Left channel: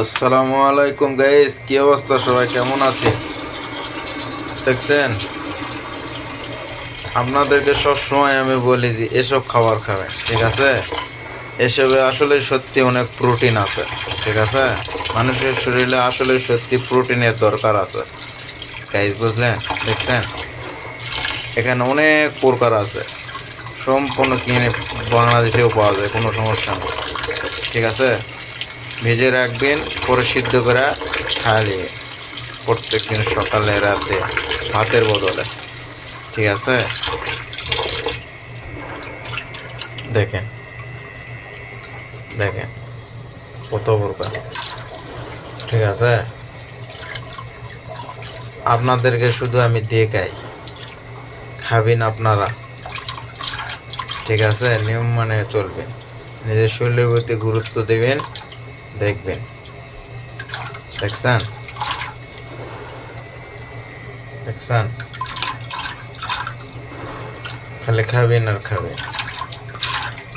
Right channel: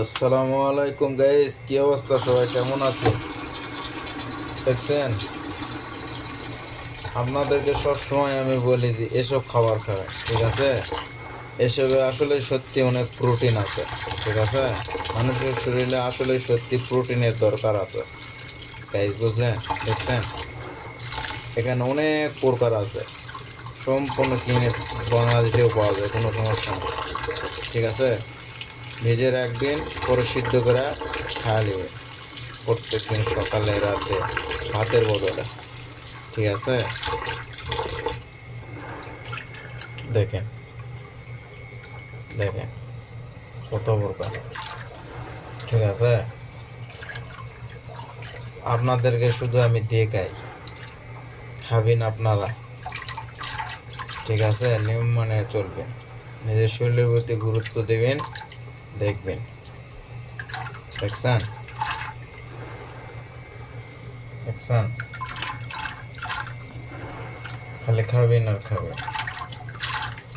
আসসালামু আলাইকুম গাইস, কি অবস্থা? সবাই কেমন আছে? দেখছেন, আপনাদেরকে সব সময় আমি বলি যে এসব খাবার খাবেন, ঠিক আছে? এসবে আসলে সত্যি অনেক প্রোটিন আছে, ঠিক আছে? মানুষের শরীরে আসলে সত্যি প্রোটিনের দরকার আছে গাইস, বুঝলেন? দেখছেন, এখানে অনেক প্রকার আছে, সম্পূর্ণ কিনে বাংলাদেশেও পাওয়া যায়, কোনো সমস্যা নেই, ঠিক আছে? ভেজে রাখবেন, পরে সিদ্ধ করে খাইয়ে প্রত্যেকদিন সকালে রাতে ভাতের বদলে, ঠিক আছে? দেখেন, দেখেন কত প্রকার, ঠিক আছে? আপনাদেরকে শুধু আমি দেখাই, খাবেন আপনারা, ঠিক আছে? নিয়ম মানে চলবেন, নিজের শরীরের প্রতি গুরুত্ব দেবেন, দেখবেন। দেখছেন, দেখছেন, খালি খাবেন আর খাবেন।